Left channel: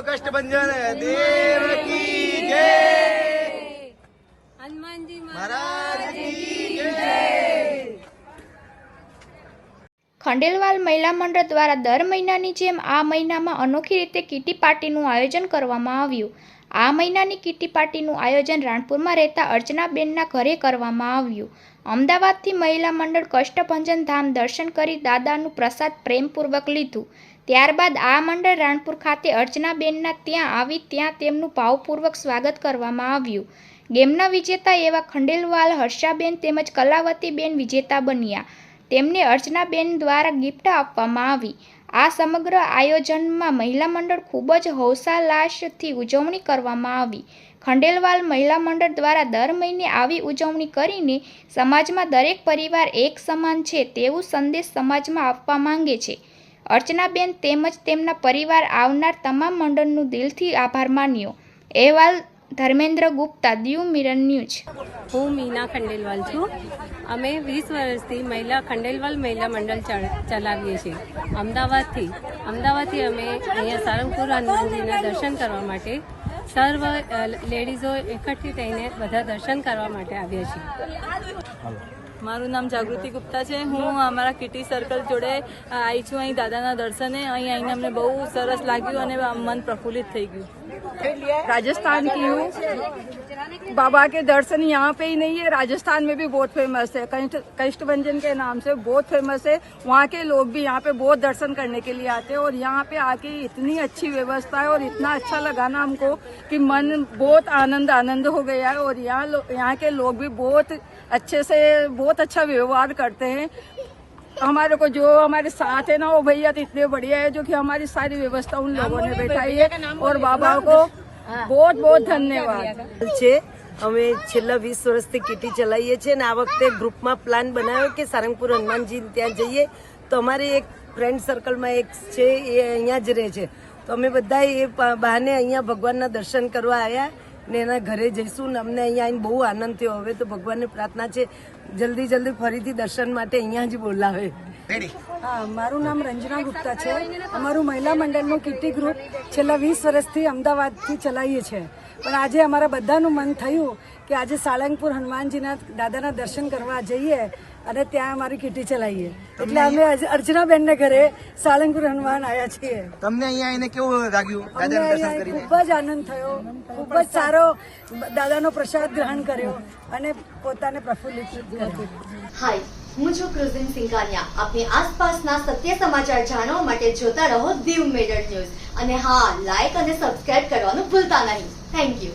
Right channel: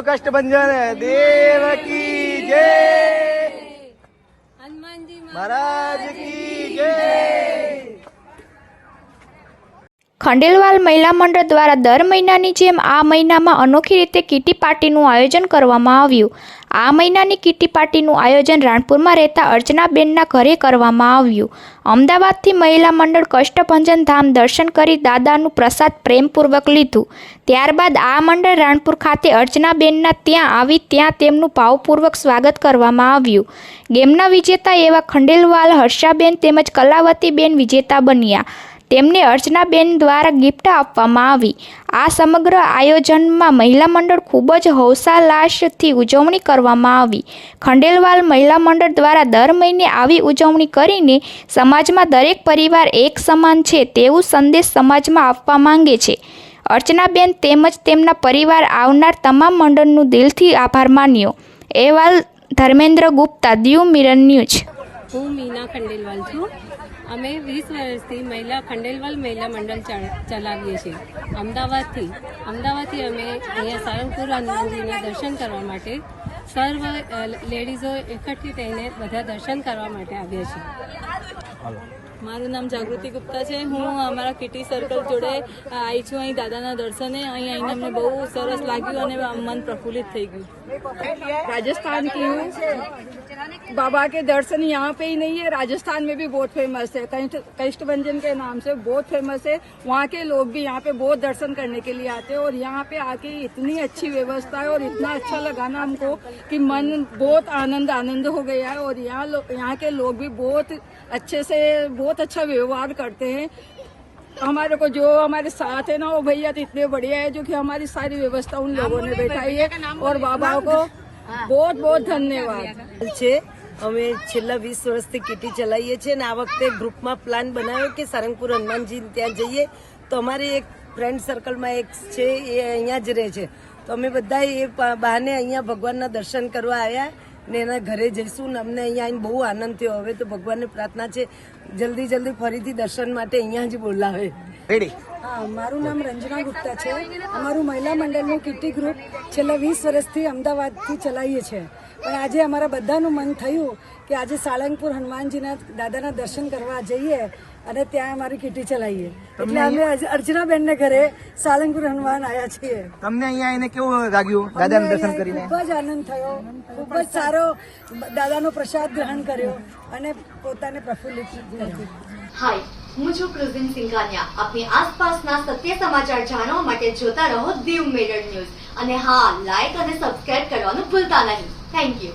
कष्टभंजन देव की जय, हनुमान जी महाराज की जय। ખંડેલવાલ મહિલા મંડળ દ્વારા દર મહિનાની જેમ આ મહિનામાં અનોખી રીતે કીટી પાર્ટીનું આયોજન કરવામાં આવ્યું। આ મહિનાની કીટી પાર્ટીનું આયોજન રાણપુરમાં રહેતા અર્ચનાબેનના ઘરે કરવામાં આવ્યું। અમદાવાદથી મહિલા મંડળ કષ્ટભંજન ધામ દર્શન કરી દાદાનું પ્રસાદ પ્રેમપૂર્વક લીધું। ત્યારબાદ આ મંડળ રાણપુર ખાતે અર્ચનાબેનના ત્યાં આવી ત્યાં તેમનું ભાવપૂર્વક સ્વાગત કરવામાં આવ્યું। ગેમના વિજેતા એવા ખંડેલવાલ હર્ષાબેન તેમજ કલાવતીબેન વિજેતા બન્યા। તેમને અર્ચનાબેન દ્વારા ગિફ્ટ આપવામાં આવી। આ સમગ્ર આયોજનમાં મહિલા મંડળ ખૂબ જ હૌસાલાસથી ઉજવણી કરવામાં આવી। ખંડેલવાલ મહિલા મંડળ દ્વારા દર મહિને આવી ઉજવણી કરીને સમાજમાં દરેક પરિવાર એક સમાન છે તેવું સંદેશ સમાજમાં આપવા માંગે છે। અર્ચનાબેન તેમજ તેમના પરિવાર આવનાર તમામ મંડળનું દિલથી આભાર માન્યો। અહેવાલ ધર્મેન્દ્ર ગુપ્તા, દીવ મિરર ન્યૂઝ। હું મીના ખંડેલવાલ છું। અમે 20 વર્ષથી ખંડેલવાલ મહિલા મંડળ ચલાવીએ છીએ અમદાવાદથી અમે અહીંયા સારંગપુર હનુમાનજીના દર્શન કરવા માટે સર્વ લેડીઝો એકઠી થઈને બધા દર્શન કરવા માટે આવ્યા છીએ। મારું નામ જાગૃતિ ગુપ્તા છે। હું અમારા કિટી સર્કલ જોડે આવી છું અહીં દાદાના દર્શને। અહીં આવીને અમને બહુ સરસ લાગ્યું અને મન પ્રફુલ્લિત થઈ ગયું। राजस्थान की हूँ। बाबा के दर्शन यहाँ पे ही नहीं है, राजस्थान में भी बहुत फेमस है। कष्टभंजन के नाम से बहुत फेमस है। वहाँ के लोग भी यहाँ पे बहुत दर्शन करने के लिए आते हैं और यहाँ पे आके इतनी अच्छी व्यवस्था है और इतना अच्छा लगा ना हमको कि मन बहुत आनंद हो गया है। और यहाँ के लोग भी बहुत अच्छे से बहुत अच्छा व्यवहार करते हैं। हमारे को जो हमारे साथ है ना वो भैया तो इतने बढ़िया है जो कि हमारी सारी व्यवस्था उन लोगों ने बैठाई है और बाबा को बहुत बहुत धन्यवाद છે। અમે છેલ્લા 20 વર્ષથી કીટી ચલાવીએ છીએ અને આ વખતે ગ્રુપમાં પ્લાન બનાવ્યો કે સારંગપુર હનુમાનજી ત્યાં જઈએ તો અમારે એક ફ્રેન્ડ સર્કલમાં એક છે એ અહીંયા જ રહે છે તો અમે બધા એ બહાને અહીંયા ભગવાનના દર્શન કરવા આવ્યા ને એના ઘરે જઈશું ને અમને અહીંયા આવીને બહુ આનંદ થયો। હવે તો ભગવાનને પ્રાર્થના છે જલ્દી ફરીથી દર્શન માટે અહીંયા જ બોલાવે। હા, મારું નામ રંजना ગુપ્તા છે। અમારું મહિલા મંડળનું કીટી ગ્રુપ છેલ્લા 20 વર્ષથી અમદાવાદથી ચલાવીએ છીએ પણ આજે અમારા બધાનું મન થયું કે આજે સાળંગપુર હનુમાનજીના દાદાના દર્શન કરવા જઈએ અને ત્યાં અમારી કીટી ચલાવીએ એટલે અમે અર્ચનાબેનને ઘરે સાળંગપુર હનુમાન આવ્યા છીએ। તમને અહીંયા આવીને કેવું લાગ્યું? દાદાનું દર્શન કરીને ખૂબ જ આનંદ થયો, ખૂબ જ સારો દાદાનો પ્રસાદ ગ્રહણ કર્યો અને પોતાને પ્રફુલ્લિત કર્યું। હાય, હું છું ક્રુઝિન સિંઘાનિયા। આપની આસપાસના સત્ય સમાચાર જાણવા માટે જોતા રહો દીવ મિરર ન્યૂઝ અને હા, લાઈક અને સબસ્ક્રાઇબ કરવાનું ભૂલતા નહીં। Thank you.